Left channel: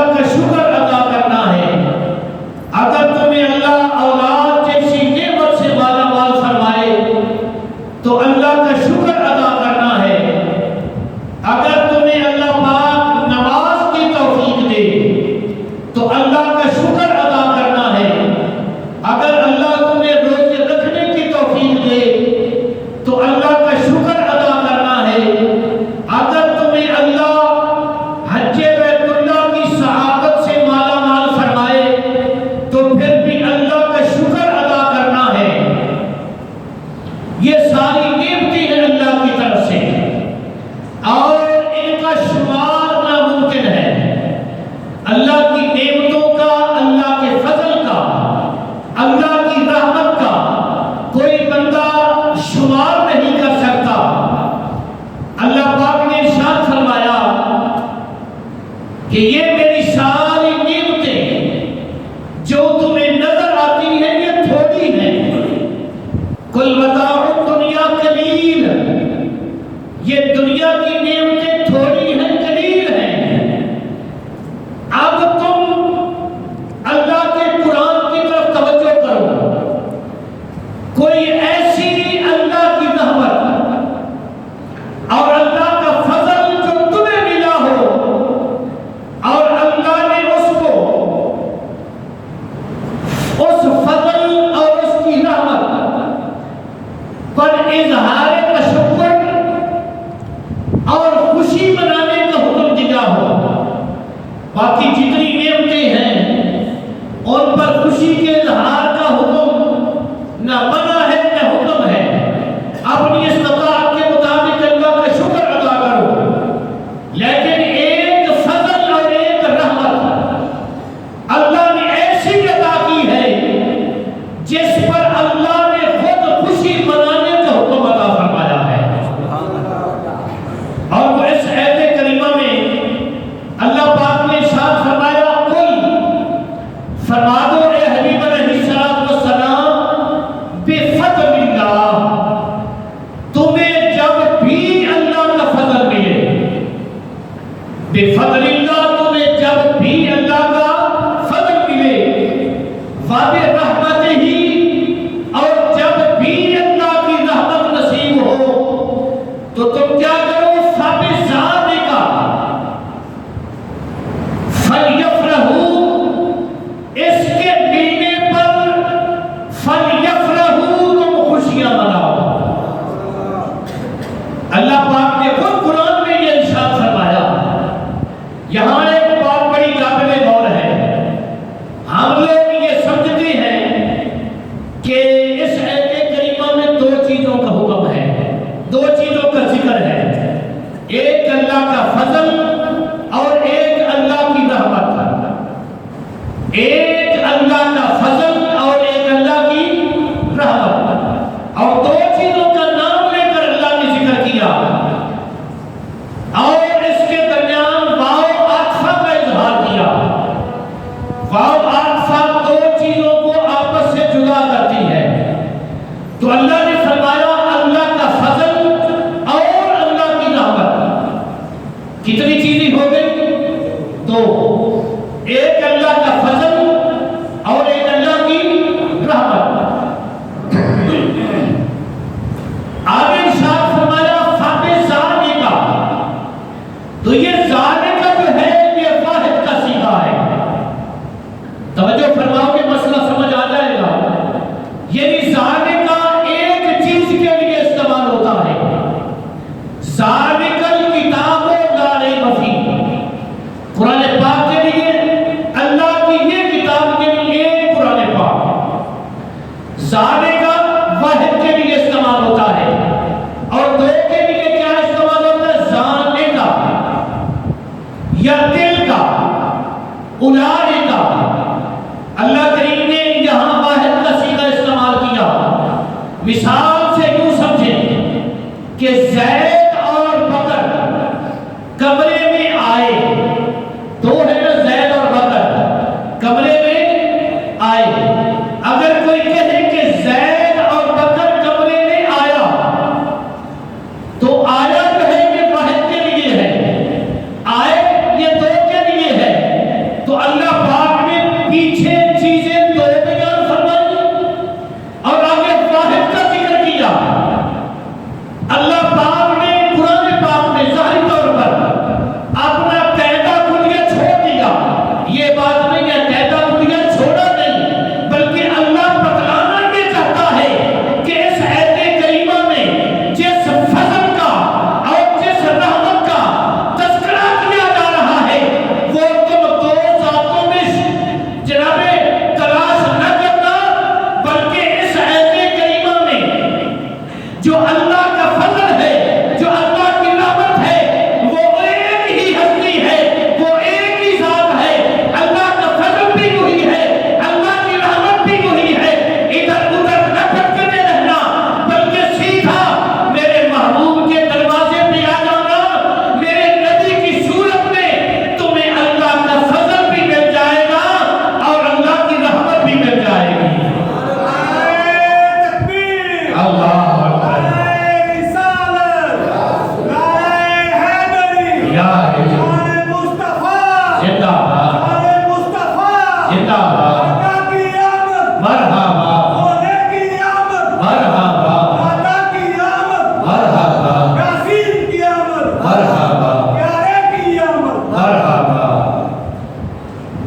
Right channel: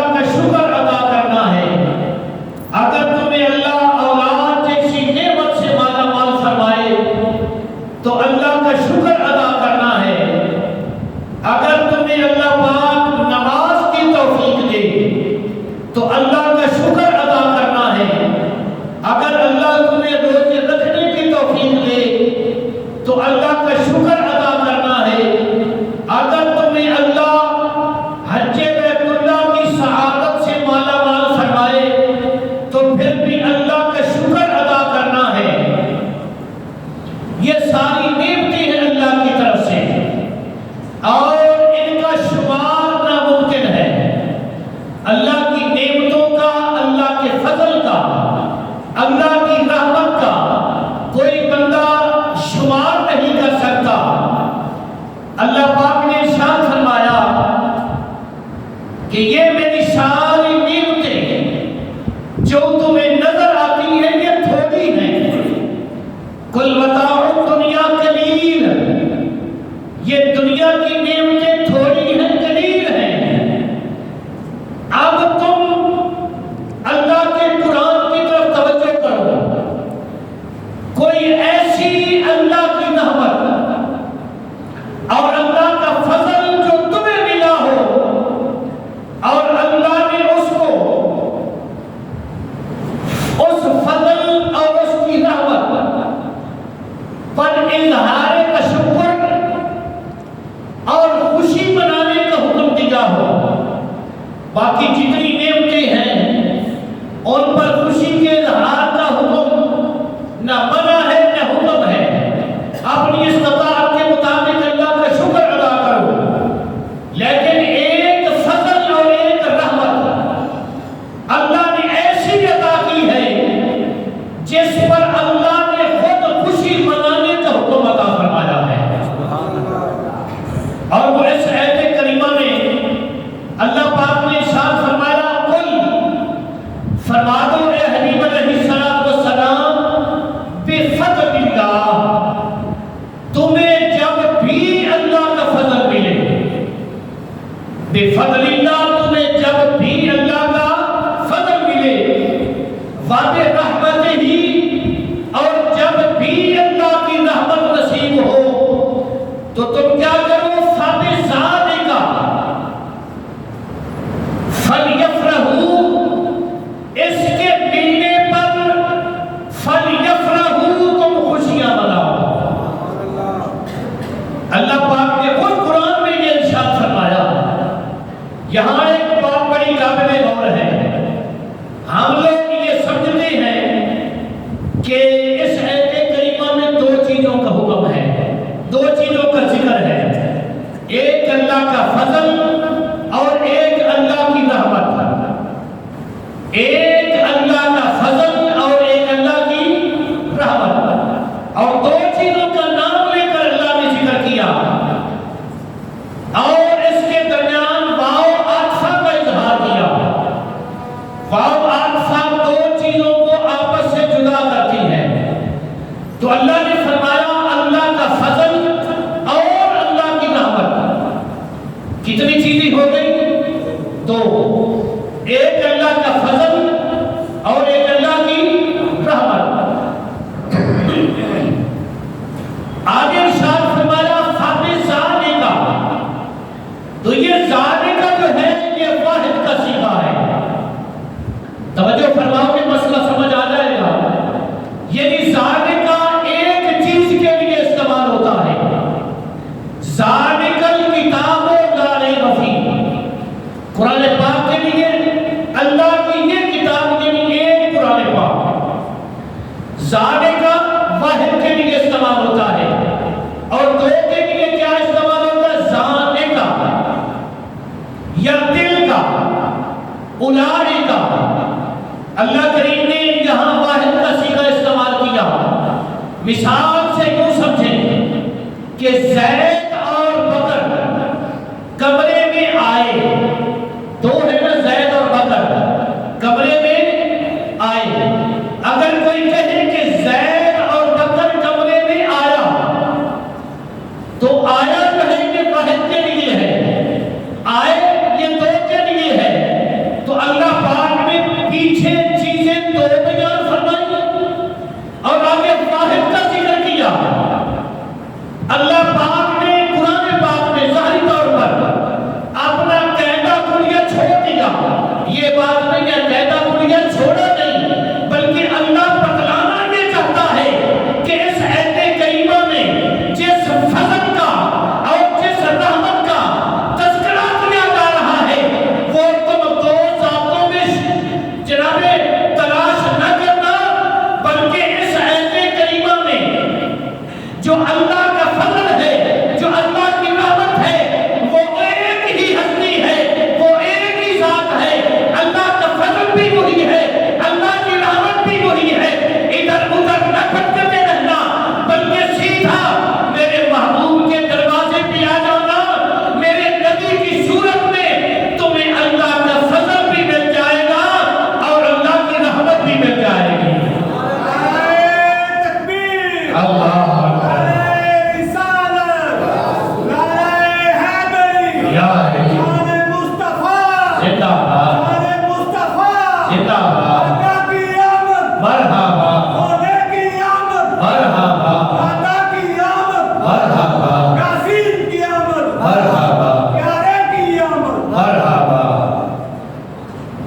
اللہ کا شکر ادا کرنا ہے، اگر تمہیں اللہ اولاد جیسی نعمت سے مالا مال فرمائے تو اللہ کا شکر ادا کرنا ہے، اگر تمہیں اللہ پاک نماز کی توفیق دے تو اللہ کا شکر ادا کرنا ہے، اگر اللہ تمہیں روزے رکھنے کی توفیق دے تو اللہ کا شکر ادا کرنا ہے، اگر تمہیں اللہ حج بیت اللہ کی سعادت سے مالا مال فرمائے تو پھر بھی اللہ کا شکر ادا کرنا ہے۔ یہ ساری نعمتیں ہیں اللہ کی طرف سے اور ان کا شمار ناممکن ہے۔ اللہ کی نعمتوں کا، اللہ کے فضل کا، اللہ کی رحمت کا کوئی بندہ شمار نہیں کر سکتا۔ اللہ پاک نے ارشاد فرمایا کہ یہ میری ساری نعمتیں جو تمہیں نظر آتی ہیں یہ تھوڑی ہیں، کل متاع الدنیا قلیل، یہ دنیا کی نعمتیں تھوڑی ہیں، قلیل ہیں۔ اب تم اللہ کے قرآن کی طرف توجہ کرو، کوئی ایسی اللہ کی رحمت اور اللہ کا فضل جو تمہیں ملا ہو اور اللہ نے اس کو اس فضل اور اس کی رحمت پر اظہار تشکر اور خوشی منانے کا حکم دیا ہو۔ باقی جتنی نعمتیں ہیں ان پر خوشی کے اظہار کا حکم نہ منع ہے نہ حکم ہے، اپنی استطاعت کے مطابق اللہ کا شکر ادا کرو، لیکن ایک فضل اور ایک رحمت اللہ نے ایسی عطا کی ہے جس پر اللہ نے خود خوشی منانے کا حکم ادا فرمایا ہے۔ اور وہ اس آیت کریمہ میں اللہ پاک نے ارشاد فرمایا، قل فرما دو اے حبیب علیہ السلام، بفضل اللہ، تمہیں جب بھی اللہ کا فضل ملے، بفضل اللہ، تمہیں جب بھی اللہ کا فضل ملے، وبرحمتہ ہی، اور جب بھی اللہ کی رحمت نصیب ہو تو تم کیا کرو، فبذالک فلیفرحوا، اس کے ملنے پر فلیفرحوا، تم خوشیاں مناؤ۔ اللہ پاک نے خود قرآن میں یہ ارشاد فرمایا۔ یہاں ایک بات بڑی قابل غور ہے، ہم لوگ یہ سمجھتے ہیں کہ اس آیت کریمہ میں دو چیزوں کا حکم ہے، دو چیزوں کا ذکر ہے، ایک اللہ کا فضل اور ایک اللہ کی رحمت، ایک اللہ کا فضل اور ایک اللہ کی رحمت، اور دو چیزوں کا نام لے کر اللہ نے ذکر کیا اور اس کے درمیان واو عطف کا اظہار کیا۔ واو عطف دو چیزوں کو آپس سے جدا کرتی ہے، تو اللہ نے فرمایا اللہ کا فضل اور اللہ کی رحمت، کتنی چیزیں ہو گئی؟ دو، ایک اللہ کا فضل اور ایک اللہ کی رحمت۔ آگے ارشاد فرمایا فبذالک، تو یہ ذالک جو ہے یہ واحد کا صیغہ ہے، توجہ فرماؤ کہ مسئلہ سمجھ آ جائے گا۔ یعنی ذالک ایک چیز کے لیے استعمال ہوتا ہے، ذالک الکتاب لا ریب فیہ، قرآن پاک کے لیے، اللہ کی یہ کتاب کے لیے قرآن پاک، ذالک واحد کے لیے استعمال ہوتا ہے، اور دو کے لیے کیا استعمال ہوتا ہے؟ ذالک یا دل کا، اولئک۔ اللہ کریم نے یہاں واحد کا صیغہ استعمال کیا، مثال سے یوں سمجھیں کہ زید اور بکر کمرے میں آئے، دو ہے نا، زید اور بکر کمرے میں آئے، اگر کوئی کہے کہ زید اور بکر کمرے میں آیا تو آیا کہیں گے واحد کے لیے ہے، آئے یہ دو کے لیے ہے،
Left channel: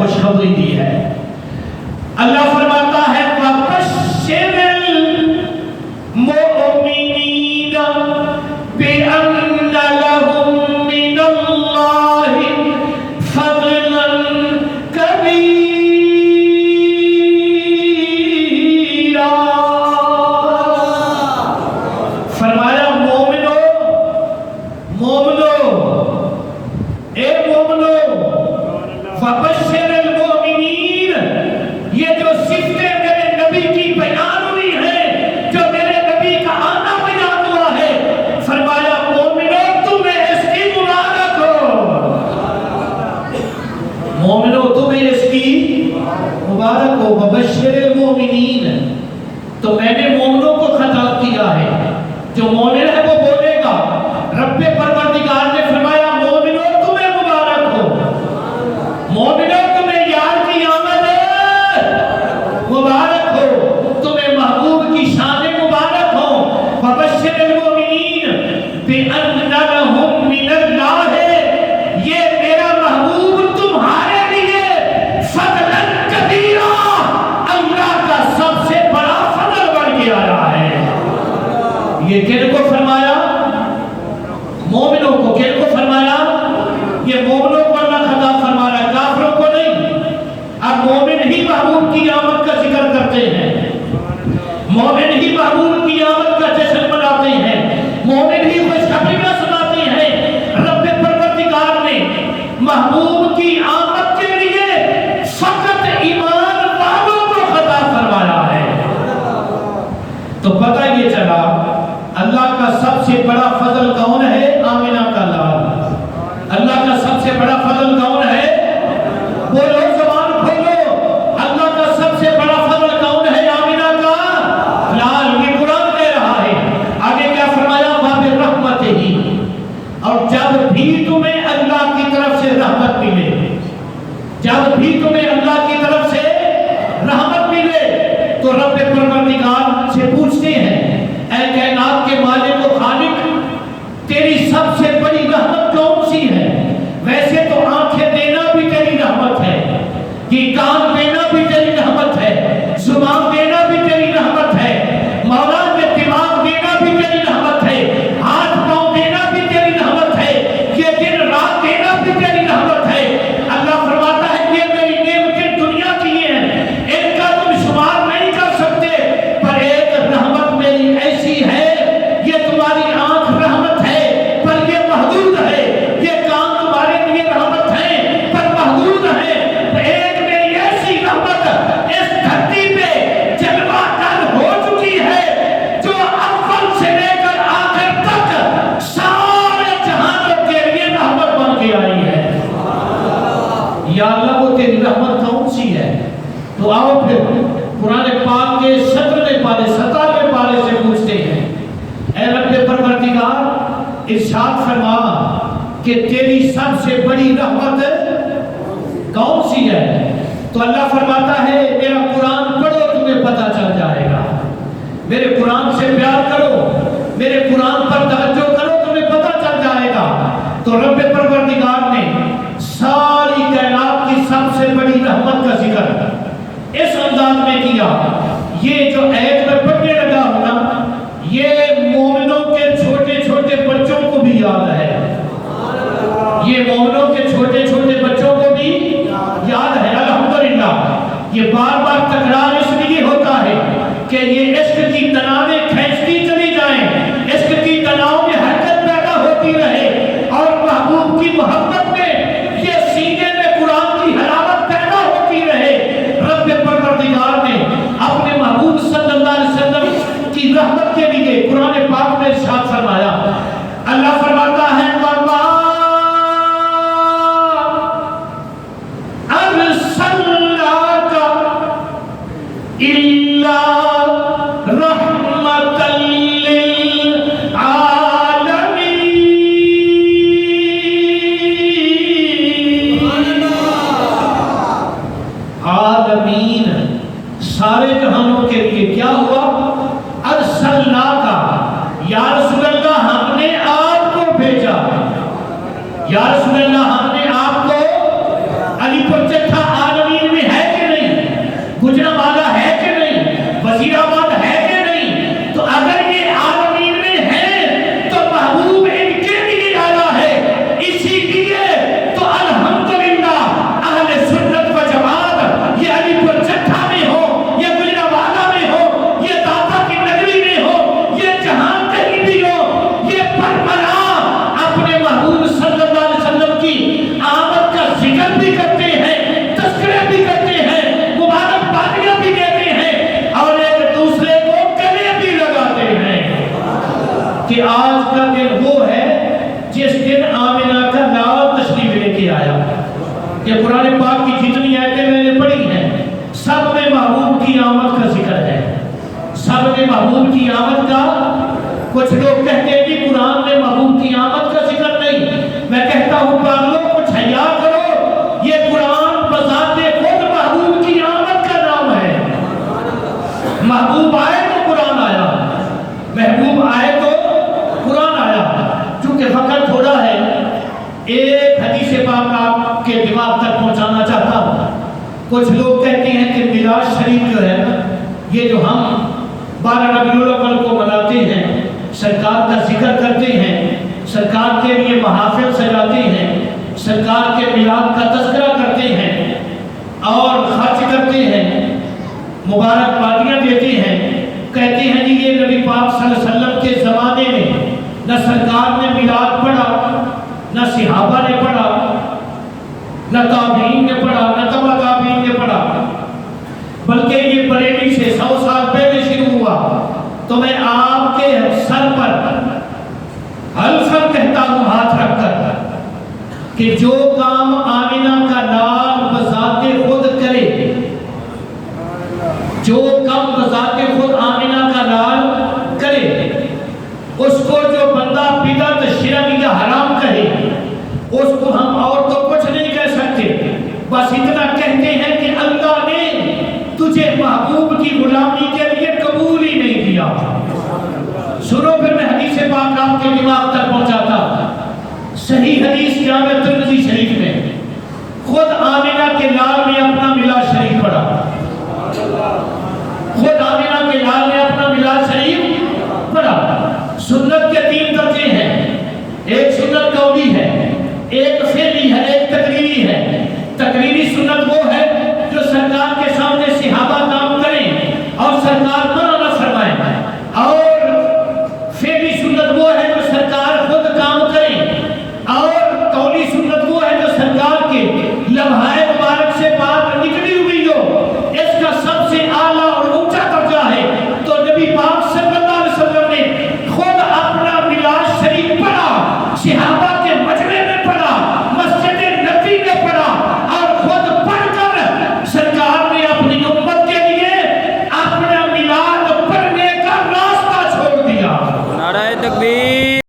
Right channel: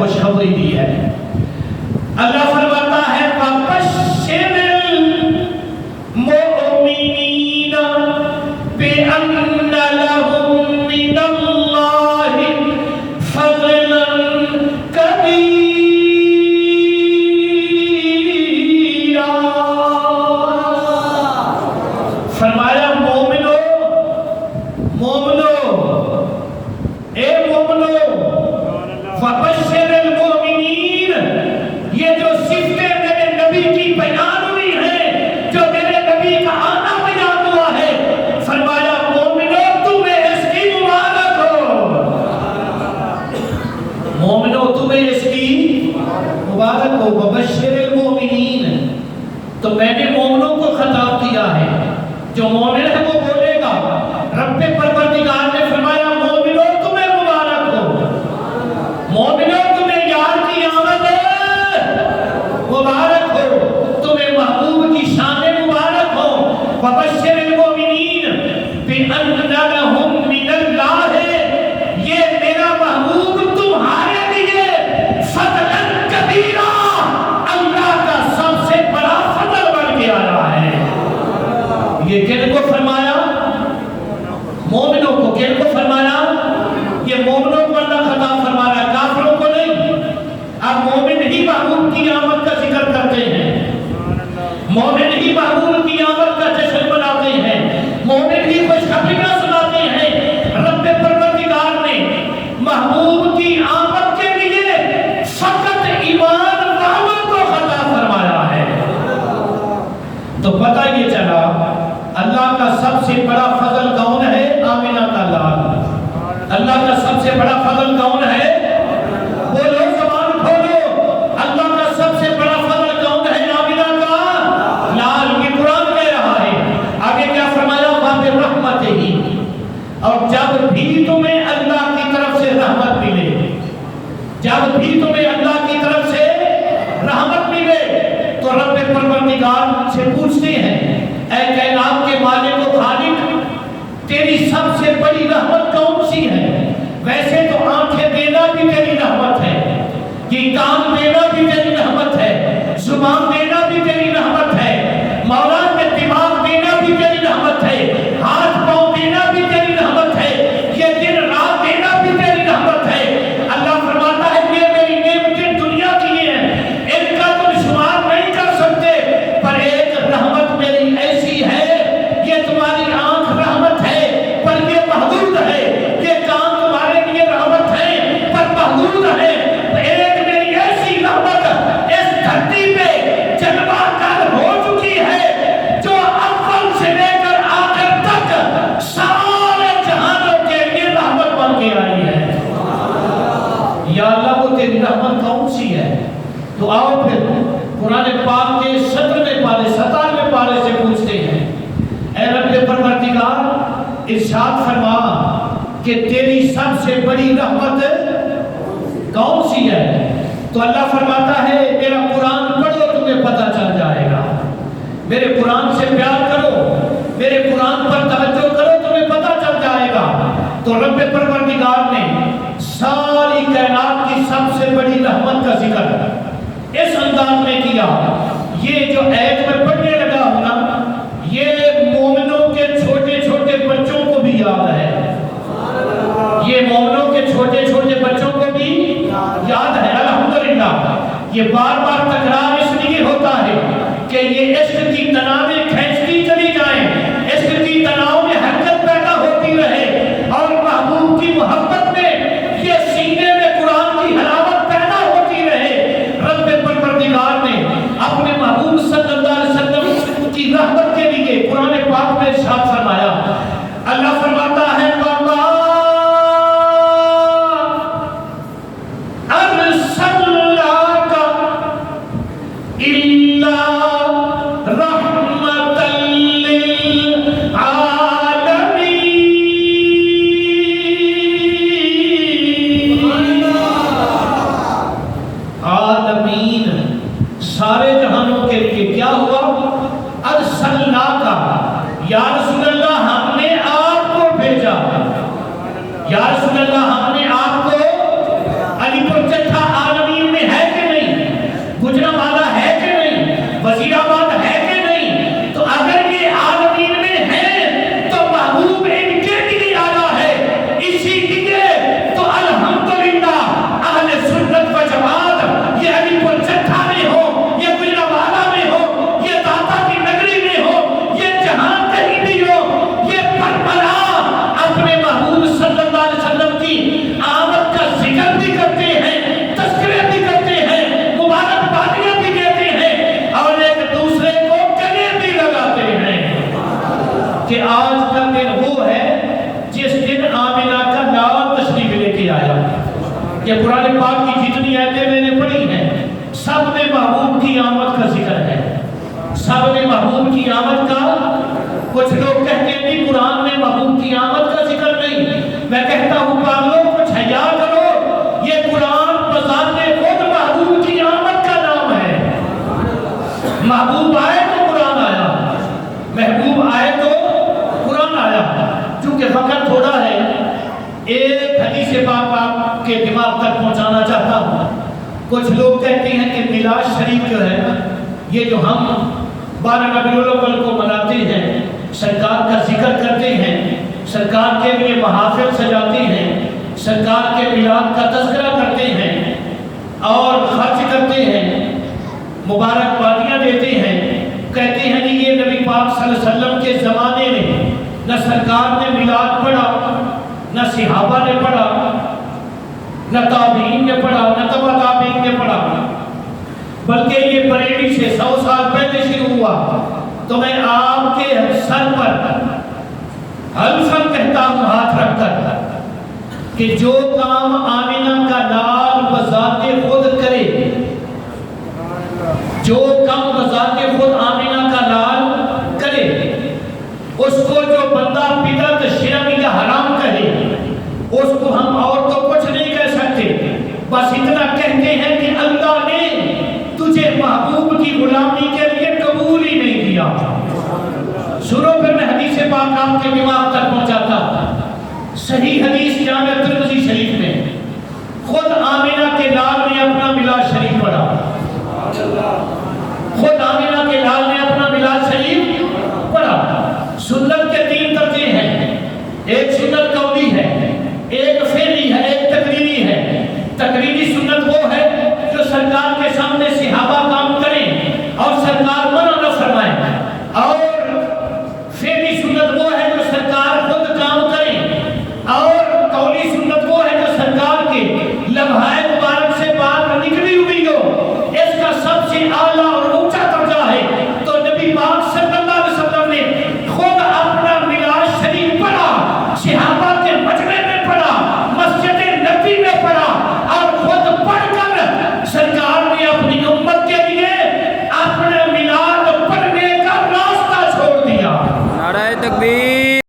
خوشخبری دی ہے. اللہ فرماتا ہے وَبَشِّرِ الْمُؤْمِنِينَ بِأَنَّ لَهُم مِّنَ اللَّهِ فَضْلًا كَبِيرًا. فرمایا مومنو اے مومنو فبشر المؤمنین، یہ جو صفتیں میرے نبی کی بیان ہوئی ہیں، جو میرے نبی کا آنا بیان ہوا ہے، فرمایا مومنو تمہیں اس کی مبارک ہو. مومنو تمہیں اس کی مبارک ہو. وبشر المؤمنین، تو میں نے مومنوں کو خطاب کیا ہے. جو مومن ہے وہ بولے گا. رب پروردگار نے فرمایا مومنوں تمہیں مبارک ہو. مومنوں تمہیں یار کی آمد مبارک ہو. تمہیں محبوب کی شان مبارک ہو. فبشر المؤمنین بأن لهم من اللہ، یہ میرا محبوب تمہارے لیے فضلا کبیرا، اللہ کا سب سے بڑا فضل بن کے آیا ہے. یہ کن کو فرمایا؟ مومنوں کو. کن کو فرمایا؟ یہ مومنوں کو اللہ خطاب فرما رہا ہے، کافروں کو نہیں. اب مومن ہی محبوب کی آمد کا ذکر کرتے ہیں، مومن ہی محبوب کی آمد کا جشن مناتے ہیں، مومن ہی خوشخبریاں سناتے ہیں. رب پروردگار نے محبوب کی آمد کے لیے فقط ایمان والوں کو خطاب فرمایا ہے. تو پتہ یہ چلا اللہ کا سب سے بڑا فضل کون ہے؟ آمنہ کا لال. اللہ کا سب سے بڑا فضل کون ہے؟ بولو، زبان کھولو. اللہ کا سب سے بڑا فضل کون ہے؟ آمنہ کا لال. یہ قرآن کہہ رہا ہے. آگے کیا فرمایا؟ وَبِرَحْمَتِهِ، اور جب بھی تمہیں اللہ کی طرف سے رحمت ملے، جب بھی تمہیں اللہ کی طرف سے رحمت ملے تو رب پروردگار سے پوچھتے ہیں اے کائنات کے مالک و خالق، تیری سب سے بڑی رحمت کون سی ہے؟ ویسے تو آنکھیں دینا بھی تیری رحمت ہے، یہ کان دینا بھی تیری رحمت ہے، زبان دینا بھی تیری رحمت ہے، مولا نے دماغ دینا بھی تیری رحمت ہے، ہاتھ پاؤں دینا بھی تیری رحمت ہے، یہ دن رات دینا بھی تیری رحمت ہے. اللہ فرماتا ہے یہ میری نعمتیں دنیا کی ہیں، ان کا تم شمار نہیں کر سکتے، پر ایک رحمت میری ایسی ہے، یہ تمہاری آنکھ رحمت ہے پر یہ محدود ہے، یہ کان تمہارے لیے رحمت ہے پر محدود ہے. ایک میری ایسی رحمت اس دھرتی پہ جلوہ گر ہو چکی ہے جو اول سے لے کر آخر تک سارے جہانوں کے لیے رحمت بن کے آئی ہے. یا اللہ وہ تیری رحمت کون سی ہے؟ تو آؤ پھر قرآن پاک کے 17ویں پارے 17ویں پارے سے پوچھتے ہیں اے رب پروردگار ارشاد فرما کہ تیری سب سے بڑی رحمت کون سی ہے؟ تو اللہ فرماتا ہے میرا قرآن پڑھو تمہیں پتہ چل جائے گا. میرے قرآن سے پیار کرو، میرے قرآن پر توجہ کرو، تمہیں پتہ چل جائے گا. تو رب پروردگار نے ساری کائنات کی سب سے بڑی رحمت کا ذکر اس انداز میں کیا. یہ جو آیت میں پڑھنے لگا ہوں نا، یہ مومنوں کے چھوٹے چھوٹے بچوں کو بھی یاد ہے. یہ مومنوں کے چھوٹے چھوٹے بچوں کو بھی یاد ہے. الحمدللہ. یہ بار بار تکرار اس لیے ہوتا ہے کہ یہ عشق کی تنابیں کھینچتی چلی جائیں، عشق کی تناؤ میں حرکت پیدا ہوتی رہے، اور محبوب کی محبت میں یہ سینے میں قرآن کی حلاوت پیدا ہوتی رہے. رب پروردگار نے اپنے محبوب صلی اللہ علیہ وسلم کی رحمت کے لیے قرآن پاک میں ارشاد فرمایا. اللہ فرماتا ہے وَمَا أَرْسَلْنَاكَ إِلَّا رَحْمَةً لِلْعَالَمِينَ. عالمین، سارے جہانوں کے لیے کیا ہوا؟ ارسلناک، یا رسول اللہ ہم نے آپ کو بھیجا. یا رسول اللہ ہم نے آپ کو علی پر چٹھا ایک حدیث پاک آپ کے دماغ تک پہنچانا چاہتا ہوں. کچھ لوگ کہتے ہیں کہ میلاد شریف جو ہے یہ جو ہم 12 ربیع الاول کو مناتے ہیں، سرکار کا ذکر کرتے ہیں، سرکار کے لیے محافل سجاتے ہیں، سرکار کے میلاد کا تذکرہ کرتے ہیں اور خرچ کرتے ہیں، مبارکبادیاں دیتے ہیں، کہتے ہیں جی یہ نبی پاک صلی اللہ علیہ وسلم کے زمانے میں نہ سرکار نے میلاد پڑھا، نہ صحابہ نے پڑھا، نہ تابعین نے پڑھا، نہ تبع تابعین نے پڑھا، بلکہ یہ بریلی سے 100 سال پہلے شروع ہوا. تو میں آپ کے سر پر حلفاً کہتا ہوں ہاتھ رکھ کر کہ جو کام آمینہ کا لال بذات خود کرے، جو کام بذات خود آمینہ کا لال کرے، اس کو جو بندہ بدعت شرک یا حرام کہے اس کو ہم اور تو کچھ نہیں کہہ سکتے، بس اتنا کہتے ہیں کہ اللہ نے تجھے محبوب کی غلامی کے لیے قبول ہی نہیں کیا. سنو پھر میں حدیث پاک آپ کے دماغ تک پہنچاتا. صحیح حدیث جامع ترمذی شریف میں خود آمینہ کے لال نے اپنا میلاد شریف پڑھا، خود آمینہ کے لال نے اپنا میلاد شریف پڑھا. سنت کے 3 درجے ہیں، ایک سنت قولی ہے، ایک فعلی ہے، ایک تقریری ہے. تقریری سنت وہ ہے جو سرکار کے سامنے صحابہ کام کریں اور سرکار منع نہ فرمائیں، اور فعلی سنت وہ ہے جو سرکار خود کام کریں، اور قولی سنت وہ ہے جو سرکار کے لمحۂ مبارک سے بات نکلی ہوئی ہو. اس کا سب سے اعلیٰ اور اونچا درجہ ہے تو نبی پاک صلی اللہ علیہ وسلم نے خود اپنا میلاد شریف پڑھا، صحابہ کے مجمع میں پڑھا، مسجد نبی میں پڑھا، اور خود پڑھ کر سرکار نے اپنی امت کے لیے اپنا میلاد پڑھنے کا راستہ چھوڑ دیا. نعرہ تکبیر.